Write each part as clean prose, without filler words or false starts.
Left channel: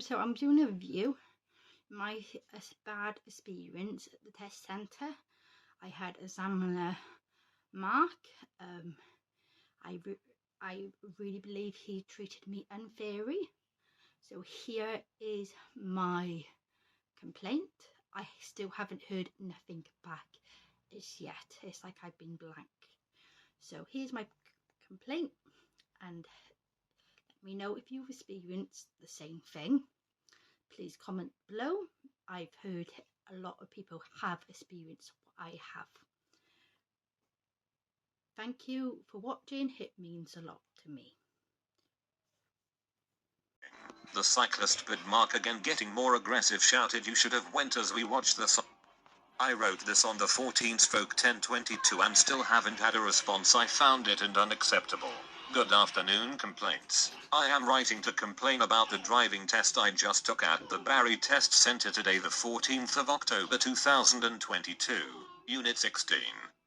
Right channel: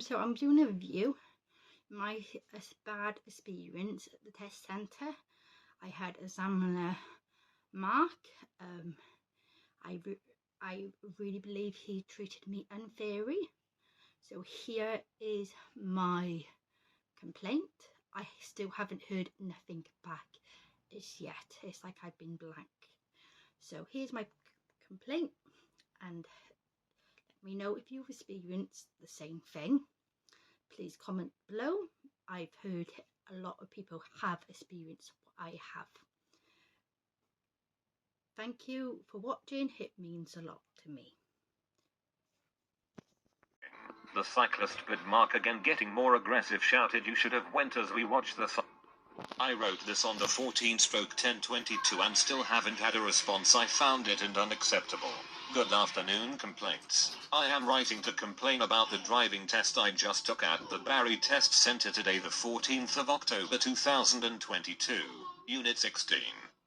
So I'm doing a review. My bad experience at the test centre. I had examiner Mark. I really believe he treated me unfairly. So here is my complaint. I still haven't heard nothing back as yet. It's like I've been blank. So here's my complaint, and let me know if you've experienced the same thing. Please comment below. I've heard a lot of people have experienced what I have. Thank you for watching. It means a lot to me. The cyclist bid Mark again getting more aggressive, shouted you should have went as we watched the I wrote this on the 14/10/22 and still haven't had a response. I found it unacceptable. Good afternoon, complaints. I am writing to complain about the driving test I just took at the Barry Test Centre today, the 14th of October 2022, Unit 16,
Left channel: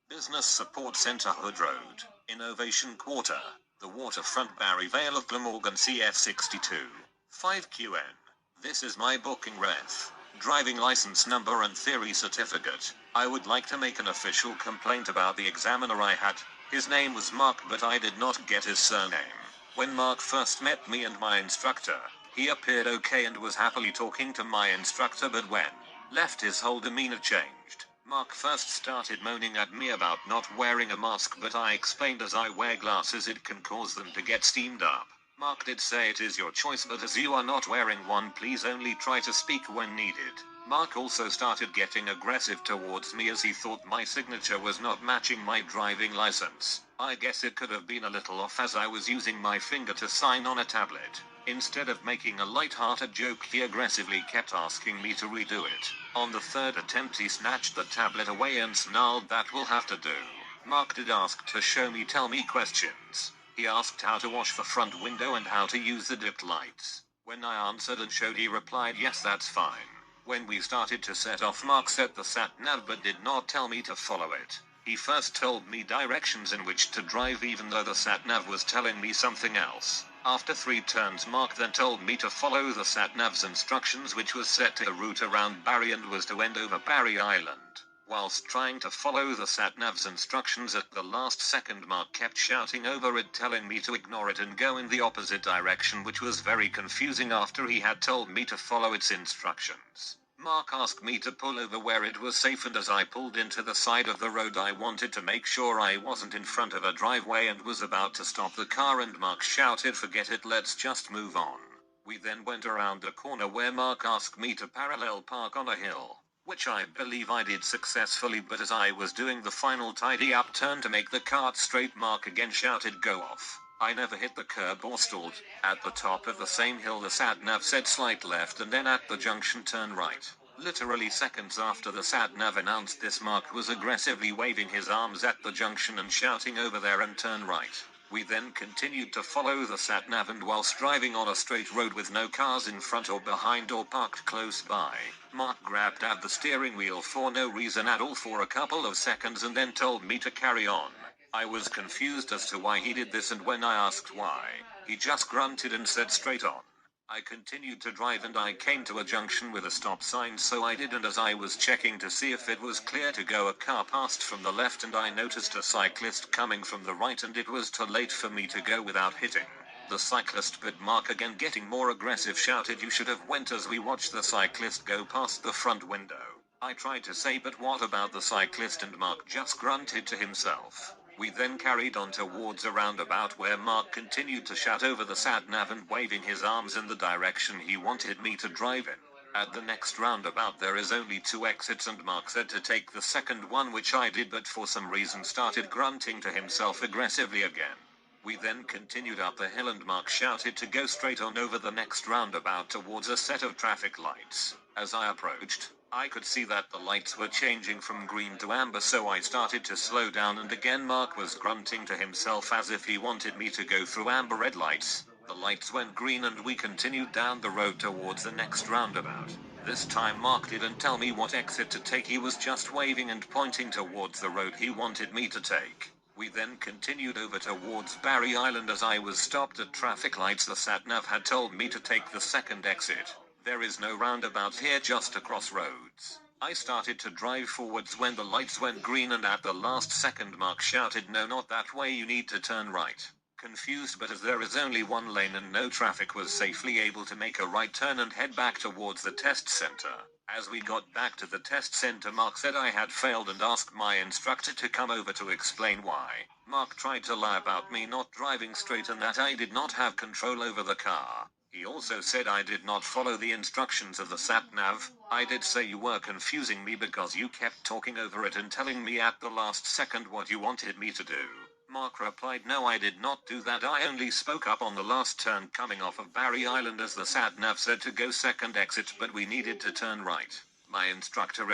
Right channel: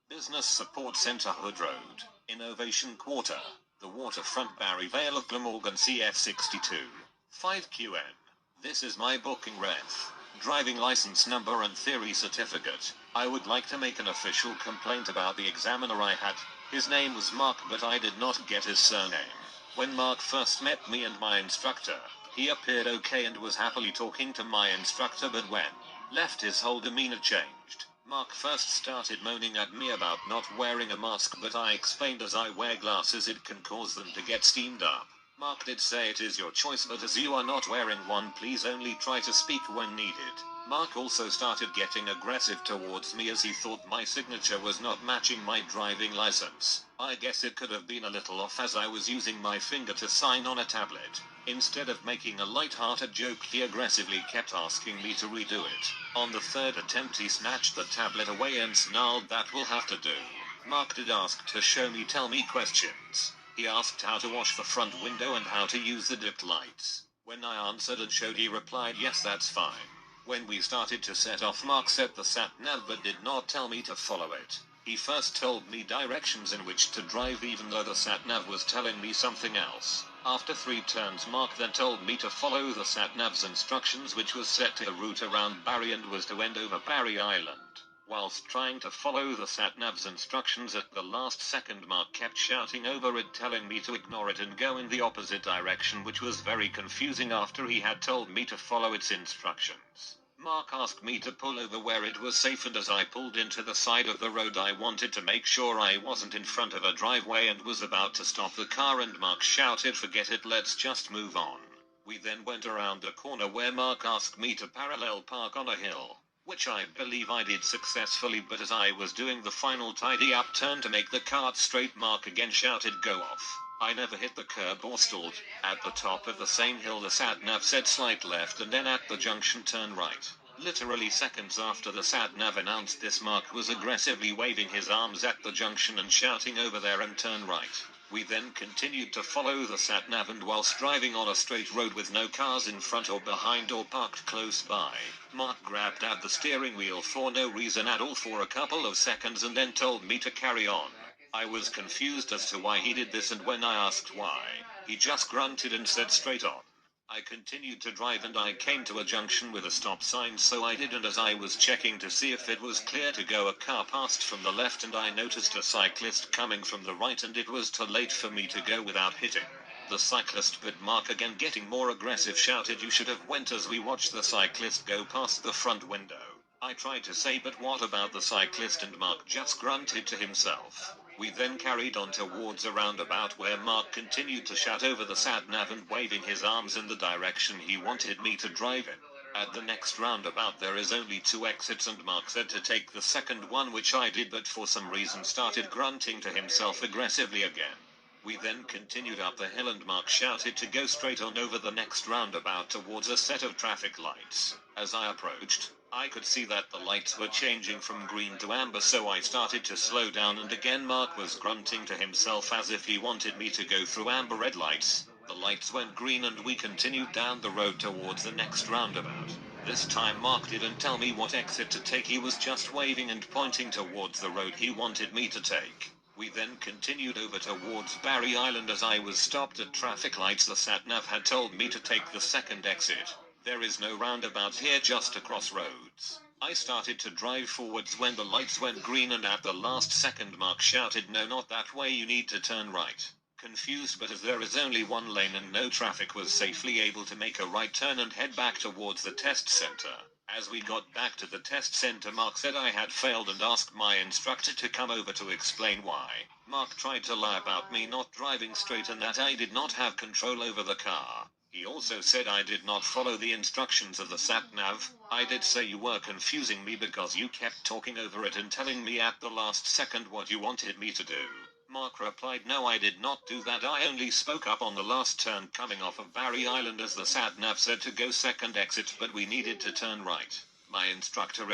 Business Support Centre, Hood Road, Innovation Quarter, the Waterfront, Barry Vale of Glamorgan, CF62, 5QN. This is my booking ref, driving license number and theory certificate. I would like to make an official complaint about the examiner I had. His name was Mark, but I did not get his surname. When Mark first met me and my instructor, he appeared okay and was happily talking to my instructor, but when left, his whole demeanor changed. Mark first started moaning at me about not wearing a mask, but I explained as I wear glasses it can cause them to get steamed up. Mark did say it is your choice, but as you are not wearing one, please only try to speak when needed. Mark also started getting aggressive towards me as he thought my signature was not matching my driving license. I guess it could have been a little off as I was using my finger to sign on a tablet. Instead of making a light-hearted joke, he aggressively kept asking me to redo it. On the third attempt, he snatched the tablet away and snarled, "That will have to do." Mark did ask to tell me questions. He asked how to wash the front window and how to use the dipped lights. When I answered and showed, he replied, "Yes, that's fine." When we started to set off, Mark set the sat-nav but did not tell me to follow it. He first told me directions in which to drive, even though the sat-nav was telling me something else. After 3 turns, Mark then told me to follow the sat-nav's instructions, which was set to a route around Barry and was to end over Barry Island. Whilst trying to follow the sat-nav's instructions, at the last second Mark kept shouting over it, telling me to ignore it and go in the opposite direction, which was very confusing after he had told me to follow its instructions. Mark asked me to pull over where it was safe, and as I pulled into the side of the road, I wanted to make sure I wasn't in front of a driveway and was about to stop the car, and Mark shouted, "Forget it, let's just move on." We then went around a corner where Mark asked me to parallel park on a hill, which I believe I did successfully, but as I was doing the final tidy up turn to make the cart straight, Mark again shouted, "Go off." I never hit the curb or stalled. At the top of the same hill, the sat-nav said slight left, and then at the junction turn right. Literally seconds after the sat-nav announced this, Mark was aggressively waving his arms at the junction and shouting, "Over there and turn right." We then continued to follow the sat-nav, and whilst driving on a straight road with no cars in front or behind or parked close by, Mark grabbed at the steering wheel for no reason at all for a couple of seconds and then told me to carry on. I was confused as to why he did this, and when I asked why, he just grunted and said, "Straight on." I continued to drive and I came to a junction with a stop sign, so I did, and as I was checking to see if it was clear to go, a car passed from the left and I noticed a cyclist coming from the right, and it was too late for me to go without hitting. The cyclist bid Mark again, getting more aggressive, shouted, "You should have went," as we watched the cyclist go past the front window. I tried to say, "But what about the cyclist?" and Mark just grunted to himself. We then carried on towards a roundabout where Mark continued to shout over the sat-nav and waving his arms in the direction he wanted me to drive in. At the next roundabout there is only 2 exits, and Mark said to take the second one, which I did, but for some reason started grunting to himself aggressively again. We then continued up the hill and Mark shouted to go straight on over the next roundabout towards a set of traffic lights. As I approached, I could see that the lights were changing from green to amber, so I started to slow down, and again Mark was grunting to himself as if he wanted me to go through amber red lights. The lights went green and we continued down the road towards the next roundabout. This time Mark didn't tell me what exit to take, he was just waving and pointing towards the road he wanted me to take. We then continued over towards Barry Island. As I was stopped at traffic lights, the sat-nav had told me to take the second exit. There is no roundabout here, just a crossroads. I started to drive forwards when the lights went green, and at the last second Mark shouted, "No, not that way, you need to turn right." Confused, but as there is only one lane and no traffic, was safely able to make a right turn and head back towards the test center. As we got back to the test center, Mark said I had failed and asked my instructor to come over to explain why. Mark tried to lie about me not driving straight and that I did not have control over the car. He also said I did not follow the instructions of the sat-nav. I did say you were confusing me because you kept talking over it and telling me at the last second what you wanted me to do. Mark replied, "No, I did not do that. I only spoke up on the last turn coming off of Barry Island as the sat-nav said to go second exit, but we needed to turn right." My instructor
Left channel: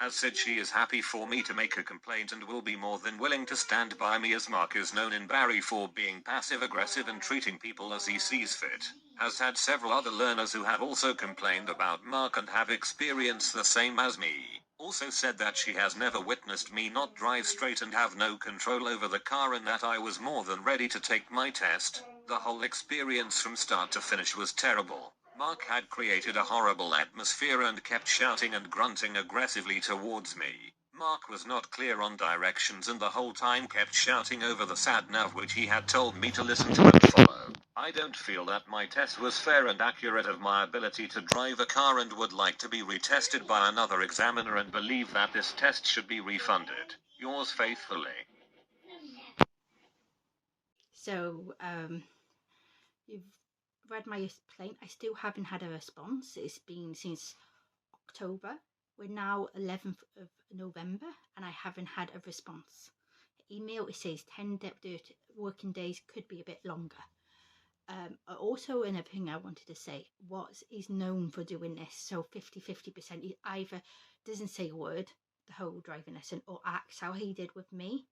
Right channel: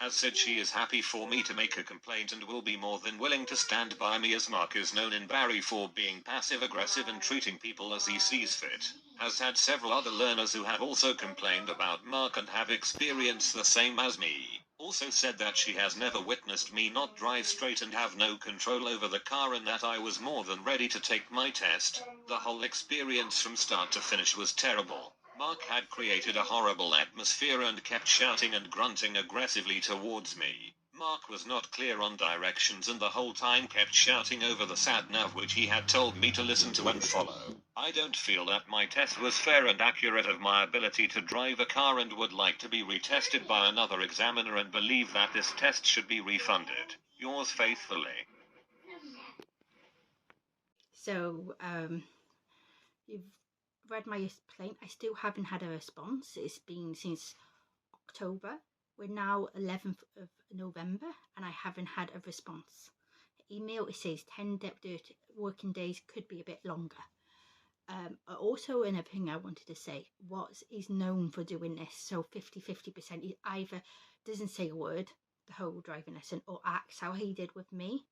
has said she is happy for me to make a complaint and will be more than willing to stand by me, as Mark is known in Barry for being passive-aggressive and treating people as he sees fit. Has had several other learners who have also complained about Mark and have experienced the same as me. Also said that she has never witnessed me not drive straight and have no control over the car, and that I was more than ready to take my test. The whole experience from start to finish was terrible. Mark had created a horrible atmosphere and kept shouting and grunting aggressively towards me. Mark was not clear on directions and the whole time kept shouting over the sat-nav, which he had told me to listen to and follow. I don't feel that my test was fair and accurate of my ability to drive a car and would like to be retested by another examiner and believe that this test should be refunded. Yours faithfully. So, you've read my complaint. I still haven't had a response. It's been since October. We're now 11th of November and I haven't had a response. Email, it says 10 working days, could be a bit longer. Also, another thing I wanted to say, is known for doing this, so 50-50%, he either doesn't say a word the whole driving lesson or acts how he did with me.